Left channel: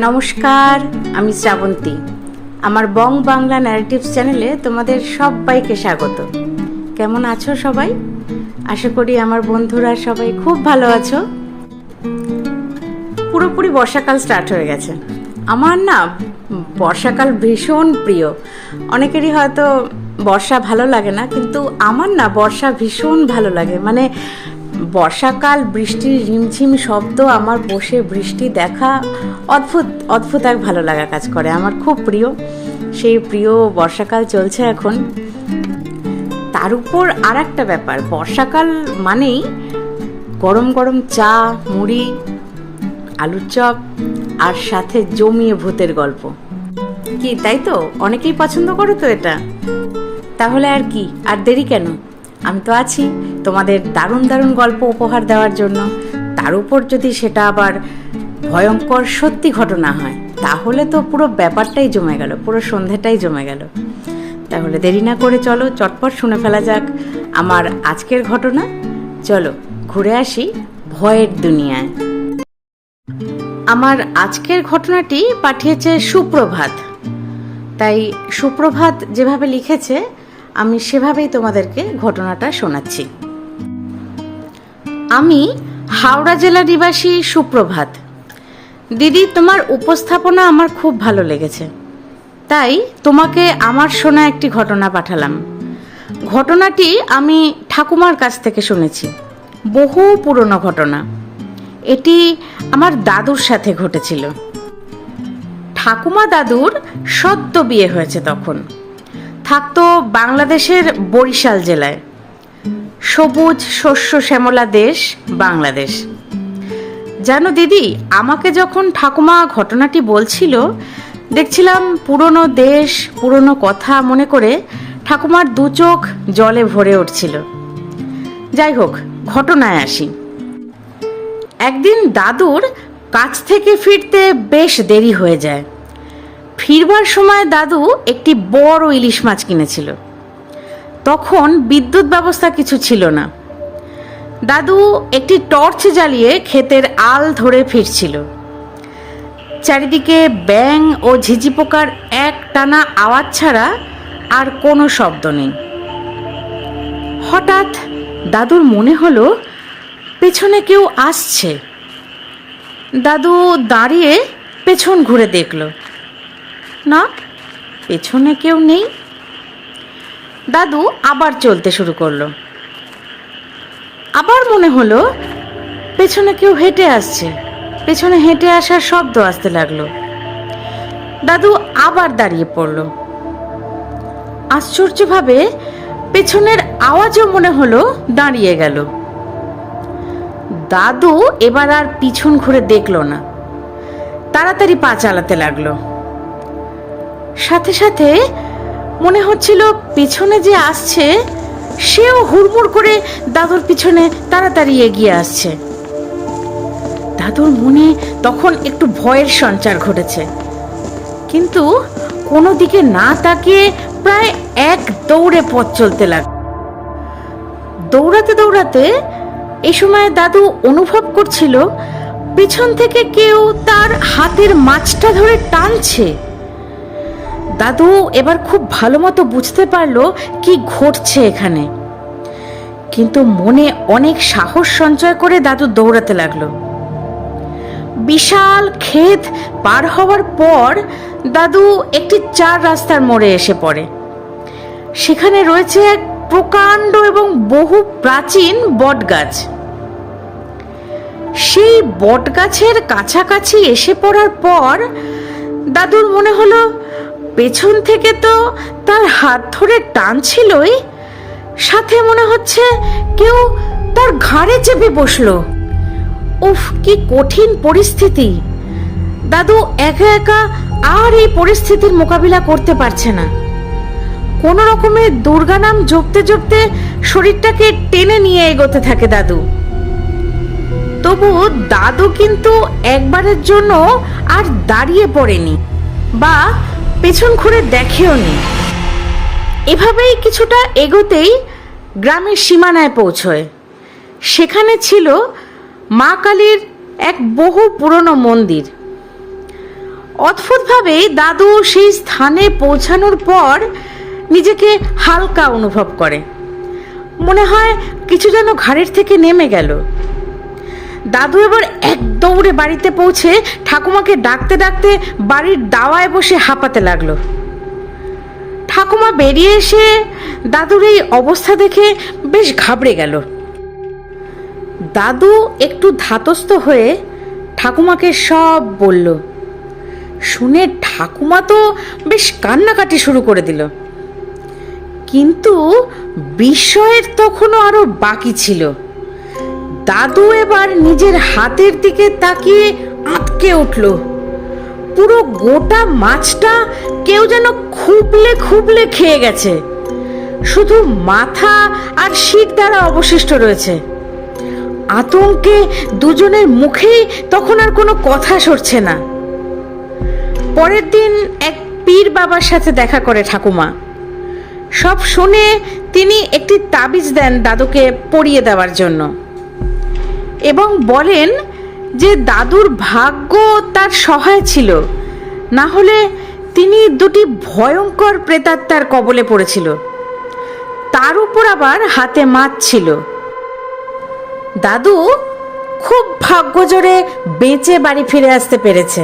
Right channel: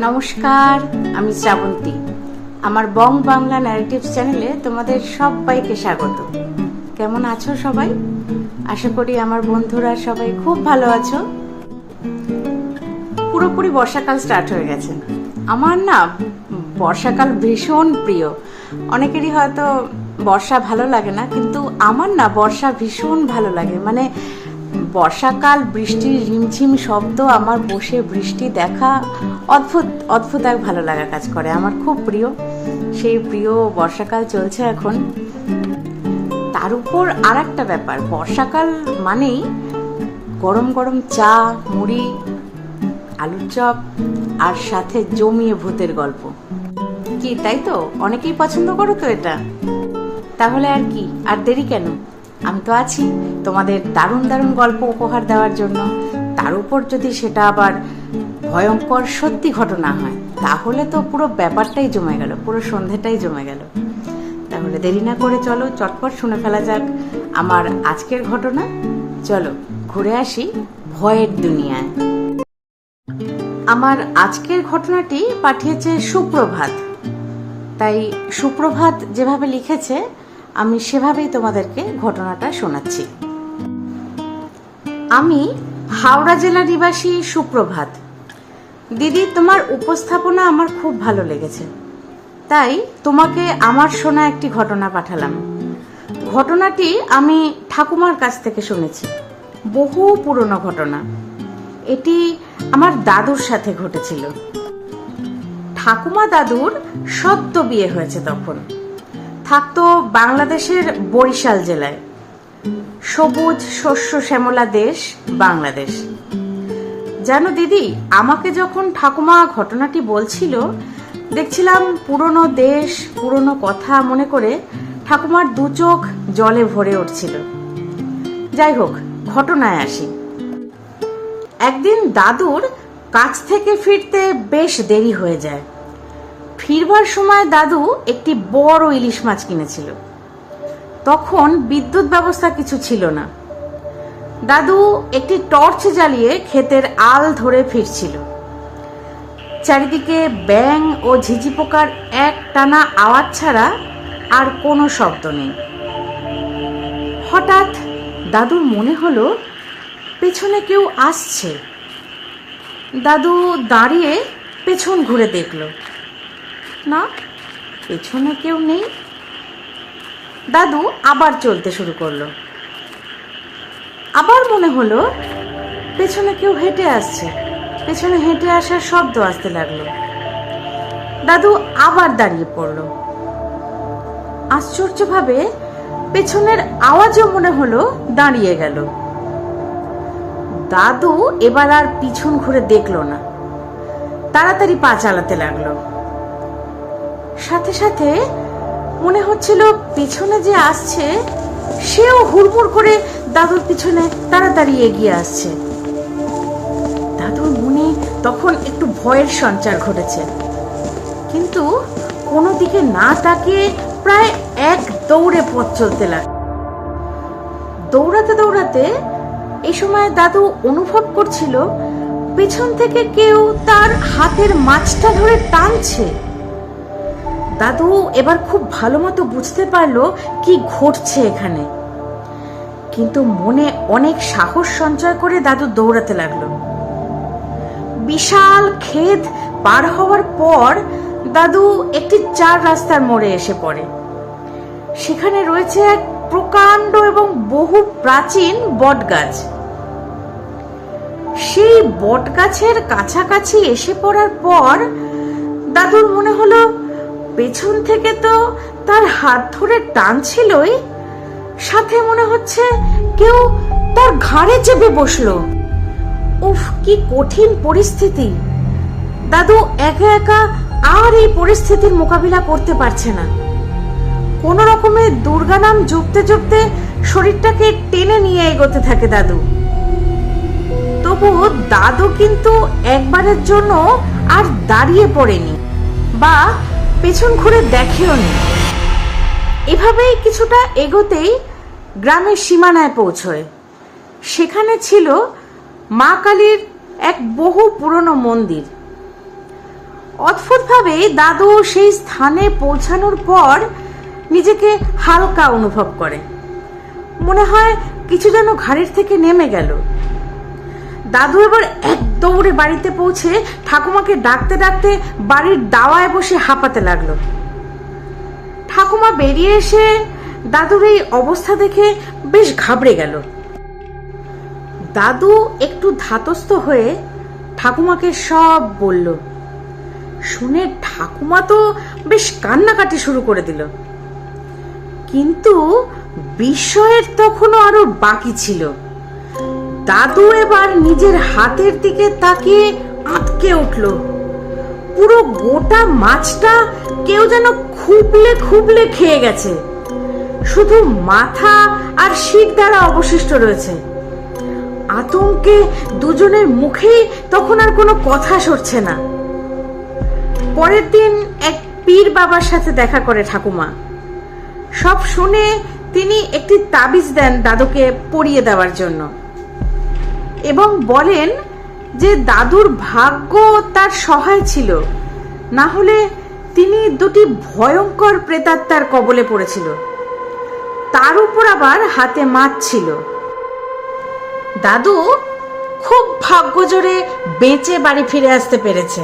নমস্কার, আমি শ্রাবন্তী। আমার বং বাংলা ন্যারেটিভস চ্যানেলে তোমাদের সবাইকে স্বাগত। কেমন আছো সবাই? আশা করি আমার বন্ধুরা সবাই খুব ভালো আছো। পুরোপুরি বর্ষাকাল স্টার্ট হয়ে গেছে। আমার না বর্ষাকাল ভীষণ প্রিয়। অনেকেরই হয়তো বর্ষা ভালো লাগে না, কিন্তু আমার না বর্ষা ভীষণ ভালো লাগে। মানে বর্ষাকাল, বৃষ্টির রিমঝিম শব্দ, আমার বসে বৃষ্টি দেখা অদ্ভুত অদ্ভুত এক ভালো লাগা কাজ করে। আমার খুব প্রিয় সেই প্রিয় বর্ষাকাল চলছে এখন। তার উপর আর একটা ব্যাপার, বর্ষাকাল মানেই গরম গরম চা, মুড়ি, আলুর চপ, আর সাথে জমিয়ে ভূতের গল্প। কি তাই তো? অনেকেই পছন্দ করো তো এটা। তাহলে আর কি, আর দেরি কেন? আমি তো আছি তোমাদের দারুণ দারুণ গল্প উপহার দেওয়ার জন্য। তার উপর যদি সেটা আবার ভয়ঙ্কর সত্যি ঘটনা হয়, তাহলে তো পুরো ব্যাপারটাই জমে গেল, পুরো সন্ধেটাই জমে গেল। তাহলে দেরি না করে চলো চটপট শুনে ফেলা যাক আমার আজকের ঘটনা। চলো ঘুরে আসি ভয়ের দুনিয়ায়। আমার আজকের ঘটনাটি পাঠিয়েছে সুপ্রভাত। তাই সুপ্রভাত যেভাবে লিখেছে আমি সেভাবেই তোমাদেরকে ঘটনাটা শোনাচ্ছি। আমি হাওড়া জেলা নিবাসী সুপ্রভাত। দিদি, তোমার উপস্থাপনা আমার খুব ভালো লেগেছে, তাই তোমাকে আমার শোনা একটি ঘটনা পাঠালাম। ঘটনাটি আমি ঠাকুমার কাছ থেকে শুনেছি, বহু পুরনো ঘটনা। এটি আমার দাদুর সাথে ঘটেছিল। ঠাকুমা দাদুর সদ্য বিয়ে হয়েছে, তখন থাকতো বাংলাদেশের বরিশাল জেলায়। সবুজ শস্য শ্যামলা দেশ বাংলাদেশ। জানো দিদি, আমাকে যখন ঠাকুমা ঘটনাটি বলছিল, দেখছিলাম পুরনো দেশ, পুরনো কথা মনে করে ঠাকুমার দু চোখ জলে ভরে উঠছিল। যাই হোক, ঘটনায় আসি। একদিন দাদুর কাজ থেকে ফিরতে বেশ দেরি হয়ে যায়। ফিরবার সময় দাদু একটি বড় ইলিশ মাছ কিনেছিল। তখন বিদ্যুৎ ব্যবস্থা কিছু ছিল না। দাদু একটি টর্চ জ্বালিয়ে ক্ষেতের আল ধরে ফিরছিল। চারিদিকে ব্যাঙ ও ঝিঝি পোকার এক টানা আওয়াজ ছাড়া আর কোনো শব্দ নেই। হঠাৎ দাদুর মনে হলো পেছনে কেউ আসছে। দাদু দাঁড়িয়ে পেছন ঘুরে দেখল, না, পেছনে কেউ নেই। দাদু আবার চলতে শুরু করলো। আবার মনে হলো পেছনে কেউ হেঁটে আসছে। পেছনে হেঁটে আসার শব্দ আসতে লাগলো। দাদু আবার দাঁড়িয়ে পড়ল। আশ্চর্যভাবে পেছনের আওয়াজও মনে হলো দাঁড়িয়ে গেল। দাদু এবার আর পিছন ঘুরে দেখলো না, তাড়াতাড়ি পা চালাতে লাগলো। সাথে সাথে মনে হচ্ছিল পেছনে যে আসছে সেও হুড়মুড় করে দাদুর পিছনে তাড়াতাড়ি এগিয়ে আসছে। দাদুর মনে তখন একটু ভয়ের সঞ্চার ঘটেছে, কিন্তু কোনো দিকে না তাকিয়ে প্রায় এক দৌড়ে পথ চলতে লাগলো। দৌড়াতে দৌড়াতে এই সময় দাদু অনুভব করছিল পেছন থেকে কেউ তার হাতের মাছটা ধরে টানছে। দাদু এবার খুব ভালো মতো বুঝতে পারলো কি ঘটছে এখানে, কিন্তু মনে অনেক সাহস সঞ্চয় করে দাদু দৌড়াতে লাগলো। বিশাল ক্ষেত পার হওয়ার পর দাদু একটি চার রাস্তার মোড়ে এসে পড়ে। সেখানে রয়েছে এক প্রকাণ্ড এবং বহু প্রাচীন বটগাছ। সেই বটগাছের কাছাকাছি এসে পড়ার পর দাদুর মনে হলো পেছন থেকে তো তার হাত ধরে টানছিলই, সাথে মনে হচ্ছে কেউ তার ঘাড়ে চেপে বসলো। উফ, কি কঠিন পরিস্থিতি! দাদু একা একা আর এই পরিস্থিতির মোকাবিলা করতে পারছে না। কোন রকমে দুর্গা নাম জপতে জপতে শরীরটাকে টেনে নিয়ে এগোতে থাকে দাদু। তবু দাদু কিন্তু একবারের জন্য আর দাঁড়িয়ে পড়েনি বা পেছন ঘুরে দেখেও নি। এভাবেই কিছুটা এগোতেই গ্রামের সীমানায় পৌঁছয়। সেখানে ছিল মা কালীর এক বহু পুরনো মন্দির। অদ্ভুতভাবে দাদু সেই স্থানে পৌঁছানোর পর নিজেকে হালকা অনুভব করে, মনে হয় কিছু যেন ঘাড়ের থেকে নেমে গেল। দাদু এবার এক দৌড়ে বাড়িতে পৌঁছে ঠাকুমাকে ডাকতে ডাকতে বাড়ির দাওয়ায় বসে হাঁপাতে লাগলো। ঠাকুমা বেরিয়ে এসে দাদুর এই অবস্থা দেখে বেশ ঘাবড়ে গেল। দাদু একটু ধাতস্থ হয়ে ঠাকুমাকে সব বলল। শুনে ঠাকুমা তো বেশ কান্নাকাটি শুরু করে দিল, কিন্তু বিস্ময়ের তখনও আরো বাকি ছিল। দাদু এবার নিজের হাতের দিকে তাকিয়ে আটকে উঠল। পুরো গোটা মাছটা কেউ যেন খুবলে খুবলে খেয়ে গেছে, শুধু মাথা আর শির দ্বারা অবশিষ্ট রয়েছে। আতঙ্কে দুজনের মুখেই তখন আর কোনো কথা সরছে না। পরের দিন এক পীর বাবার সাথে দেখা করে ঠাকুমা। সব শুনে তিনি একটি তাবিজ দেন দাদুকে পরিয়ে দেওয়ার জন্য এবং বলেন যে দাদুর ভাগ্য তার সহায় ছিল, না হলে তিনি দুটি ভয়ঙ্কর প্রেতাত্মার কবলে পড়েছিল, তার উপর আবার হাতে মাছ ছিল। দাদু খুব ভাগ্যজোরে বেঁচে বাড়ি ফিরে আসতে পেরেছে।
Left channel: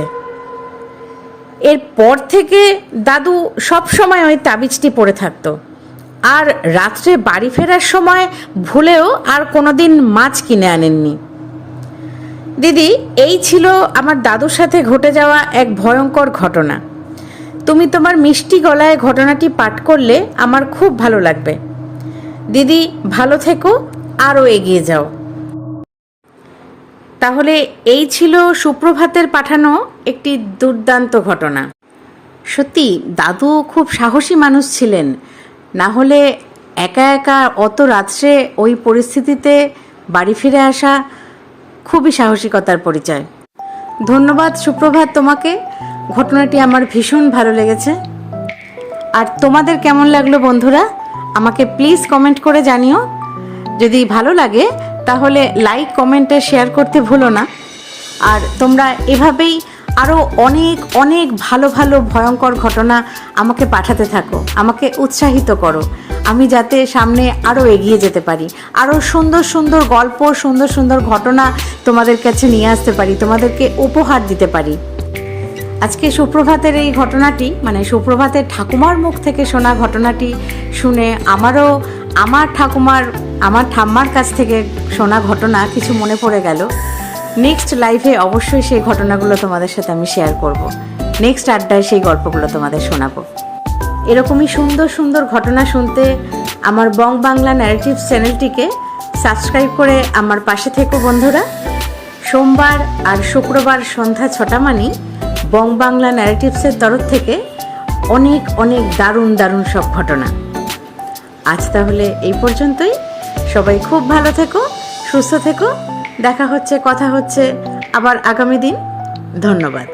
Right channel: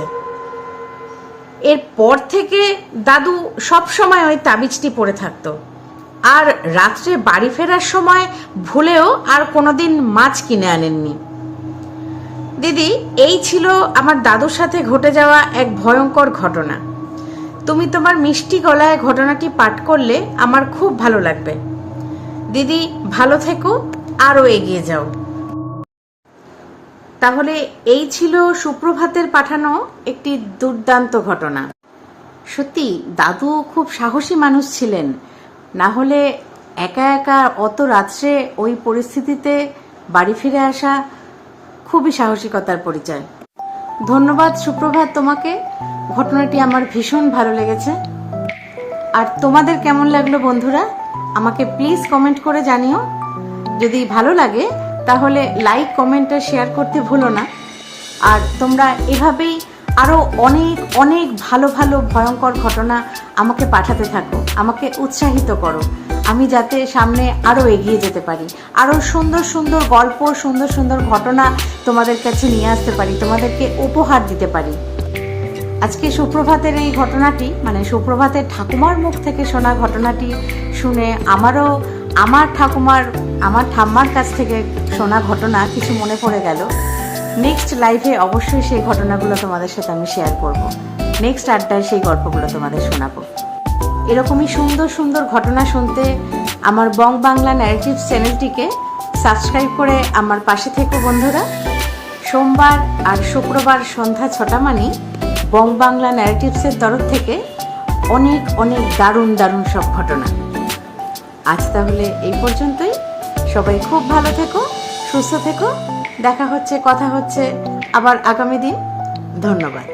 এরপর থেকে দাদু সব সময় ওই তাবিজটি পরে থাকতো, আর রাত্রে বাড়ি ফেরার সময় ভুলেও আর কোনোদিন মাছ কিনে আনেননি। দিদি, এই ছিল আমার দাদুর সাথে ঘটে যাওয়া এক ভয়ঙ্কর ঘটনা। তুমি তোমার মিষ্টি গলায় ঘটনাটি পাঠ করলে আমার খুব ভালো লাগবে। দিদি, ভালো থেকো, আরও এগিয়ে যাও। তাহলে এই ছিল সুপ্রভাতের পাঠানো একটি দুর্দান্ত ঘটনা। সত্যি দাদু খুব সাহসী মানুষ ছিলেন, না হলে একা একা অত রাত্রে ওই পরিস্থিতিতে বাড়ি ফিরে আসা খুবই সাহসিকতার পরিচয়। ধন্যবাদ সুপ্রভাত তোমাকে, ঘটনাটি আমার ভীষণ ভালো লেগেছে। আর তোমাদের কেমন লাগলো বন্ধুরা, আমাকে প্লিজ কমেন্ট করে জানিও। যদি ভালো লাগে তাহলে লাইক, কমেন্টে শেয়ার করতে ভুলো না। আর তোমরা এভাবেই আরও অনেক অনেক ভালো ভালো ভয়ঙ্কর ঘটনা আমাকে পাঠাতে থাকো, আমাকে উৎসাহিত করো, আমি যাতে সামনে আরও এগিয়ে যেতে পারি, আরও সুন্দর সুন্দর গল্প, সুন্দর সুন্দর ঘটনা তোমাদের কাছে নিয়ে আসতে পারি, তোমাদেরকে উপহার দিতে পারি। আজকে সুপ্রভাতের এই ঘটনাটি, মানে সুপ্রভাতের ঠাকুমার মুখ থেকে শোনা ঘটনাটি শুনে আমারও আমার ঠাম্মার কাছ থেকে শোনা ঘটনা কিছু মনে পড়ে গেল। নেক্সট লাইভে অবশ্যই সেই ঘটনাগুলো তোমাদের সাথে আমি শেয়ার করব। নেক্সট আড্ডায় সেই গল্পগুলো তোমাদের শোনাবো। এরকমই সুন্দর সুন্দর ঘটনা শুনতে আমার বং বাংলা ন্যারেটিভস চ্যানেলটিকে সাবস্ক্রাইব করে আমার পাশে থেকো বন্ধুরা। সোমবার আর শুক্রবার সন্ধ্যা 6টা মানে বং বাংলা ন্যারেটিভসের তরফ থেকে অনেক অনেক দারুণ দারুণ সব ঘটনা। আজ তাহলে এই পর্যন্তই। সবাই খুব ভালো থেকো, সুস্থ থেকো। দেখা হচ্ছে, কথা হচ্ছে আবার আগামী দিন। ধন্যবাদ।